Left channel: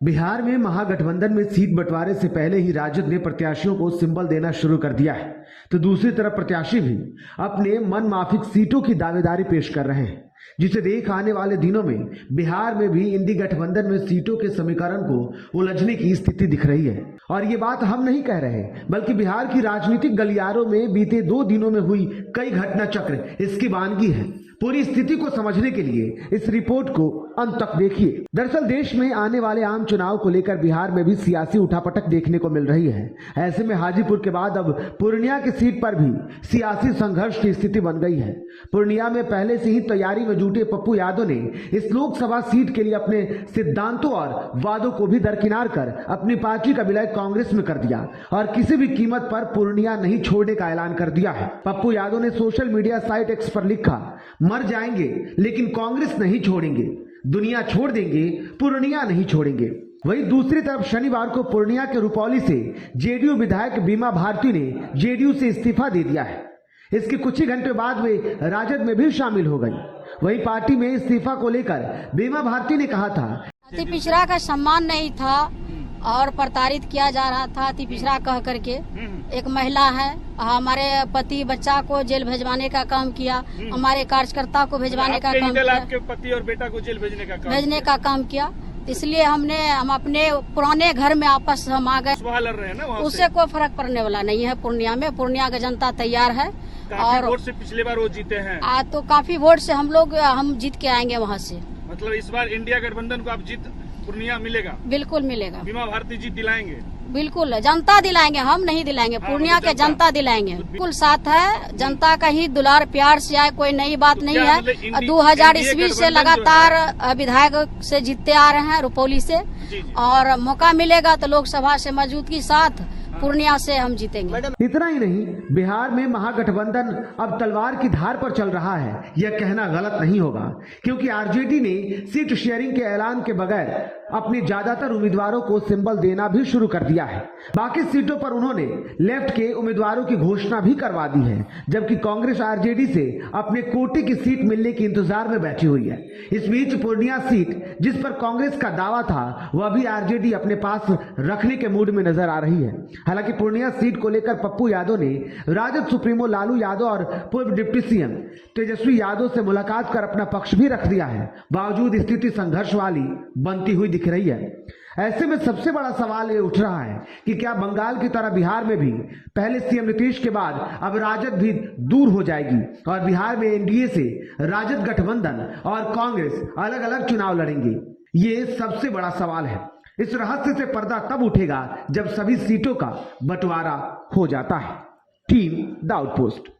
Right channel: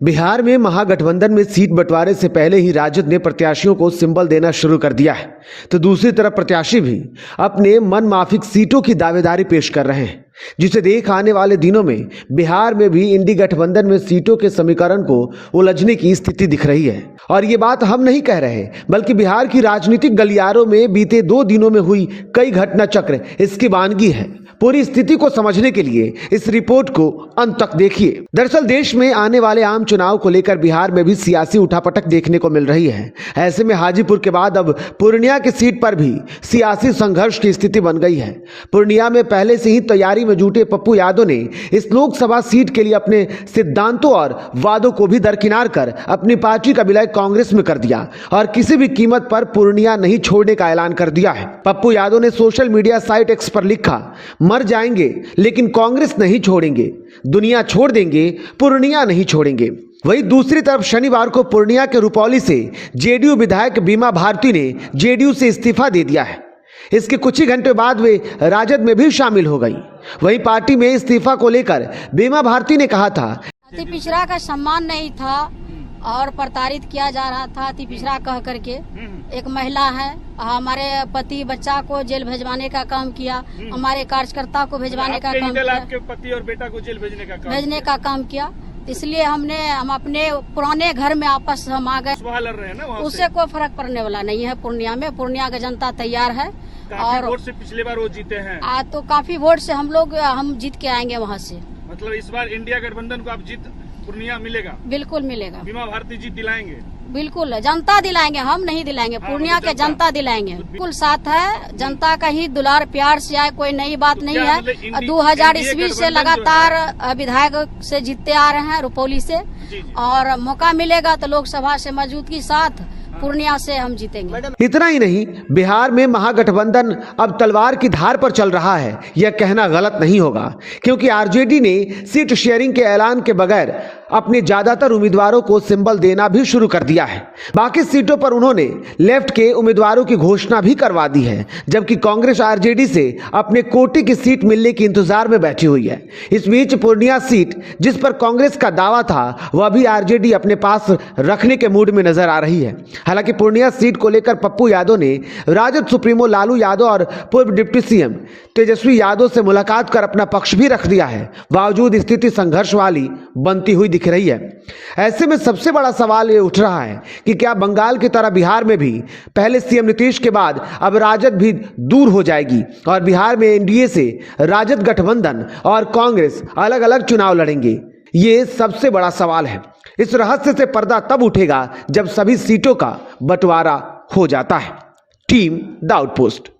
बिहार में महागठबंधन में सीट बंटवारे से पहले ही राजद ने प्रत्याशियों को सिंबल देना शुरू कर दिया है, तो दूसरी तरफ प्रत्याशी भी अपने मनमाफिक सीटों की दावेदारी पेश कर रहे हैं, जिसे देख आने वाले दिनों में बिहार में भी इंडी गठबंधन में सीटों के समीकरण को उलझने की स्थिति दिख रही है। और ये बात हम नहीं कह रहे, बल्कि बिहार की राजनीतिक गलियारों में बीते 2 दिनों में हुई कई घटना चक्र इसकी वानगी है। पूरी स्थिति को समझने के लिए इस रिपोर्ट को अंत तक देखिए। दरअसल देश में आने वाले आम चुनाव को लेकर बिहार में भी सियासी उठापटक देखने को मिल रही है। ऐसे में हाजीपुर के बाद अब पूर्णिया की सीट पर भी सियासी संघर्ष की स्थिति बन गई है। पूर्णिया में पहले से ही तैयारी में जुटे पप्पू यादव ने इस लोकसभा सीट के लिए अपने सिद्धांतों और वादों को भी दरकिनार कर अपनी पार्टी का विलय कांग्रेस में कर दिया और किसी भी कीमत पर पूर्णिया नहीं छोड़ने का ऐलान कर दिया है। पप्पू यादव ने सोशल मीडिया साइट एक्स पर लिखा, मर जाएंगे लेकिन कांग्रेस नहीं छोड़ेंगे, दुनिया छोड़ देंगे, पूर्णिया नहीं छोड़ेंगे। वहीं दूसरी तरफ शनिवार को पूर्णिया के रुपौली से जेडीयू विधायक बीमा भारती ने जेडीयू से इस्तीफा दे दिया है। इसके कुछ ही घंटे बाद वे राजद में भी शामिल हो गई। वहीं पार्टी में इस्तीफा को लेकर बीमा भारती ने कहा था, अति पिछड़ा का सम्मान नहीं था और प्रताड़ित किया जा रहा था। अति पिछड़ा कह करके एक महिला है, हमारे पति बच्चा को जेल भेजवाने का काम किया, हमारे कार्यकर्ता को भेजवाने का काम किया, आपके पति और बेटा को जेल भेजने का काम किया। इसलिए हम अपने पुराने घर में आपस हम आ गए। लड़ रहे हैं ना, उससे कोई फर्क पड़ने वाला नहीं है। पूर्णिया का जनता तैयार है और वोट से पिछले बार वो जीते हैं। तो काफी वोट से हम जीत के आएंगे वहाँ से। मतलब इस बार इंडिया गठबंधन को आप जीत पूर्णिया मिलेगा? बिल्कुल मिलेगा। बीमा भारती जीत दिलाएंगे? बिल्कुल, जनता दिलाएंगे, हम नहीं दिलाएंगे। पूर्णिया के जनता दिलाएंगे। बिल्कुल साथ है, जनता का ही दुलार प्यार से आए, कोई नई बात नहीं है। 2000 ईस्वी से लगातार विधायक से जीतते आ रहे हैं रुपौली से, और मौका मिलेगा तो लोकसभा से मजबूती साथ पूर्णिया से हम जीतेंगे। इतना ही नहीं, बिहार में महागठबंधन अब तलवार की धार पर चल रहा है, यह कहना गलत नहीं होगा, क्योंकि आरजेडी ने सीट शेयरिंग के ऐलान के बगैर अपने ज्यादातर उम्मीदवारों को सिंबल देना भी शुरू कर दिया है। बाकी सीटों पर उन्होंने लेफ्ट के उम्मीदवारों की घोषणा भी करवा दी है, जबकि कांग्रेस आरजेडी से अपने कोटे की सीट मिलने के इंतजार में बैठी हुई है। इस बीच पूर्णिया सीट, जिस पर कांग्रेस का दावा था, वह भी आरजेडी अपने पास रखने के मूड में नजर आ रही है। हालांकि पूर्णिया सीट को लेकर पप्पू यादव ने राजद सुप्रीमो लालू यादव और पूर्व डिप्टी सीएम तेजस्वी यादव से मुलाकात कर अपना पक्ष भी रख दिया है। बावजूद स्थिति संघर्ष वाली बनती हुई दिख रही है। ऐसे में सबसे बड़ा सवाल ये उठ रहा है कि क्या बंगाल की तरह बिहार में भी पहले सीएम नीतीश के बाद अब राजद भी दूर हो जाएगी और बिहार में एनडीए से राजद गठबंधन और कांग्रेस अलग अलग चुनाव लड़ेंगे? ये सबसे बड़ा सवाल है। इस रहस्य से पर्दा तब उठेगा जब सभी सीटों का बंटवारा हो जाता है। Team the outpost.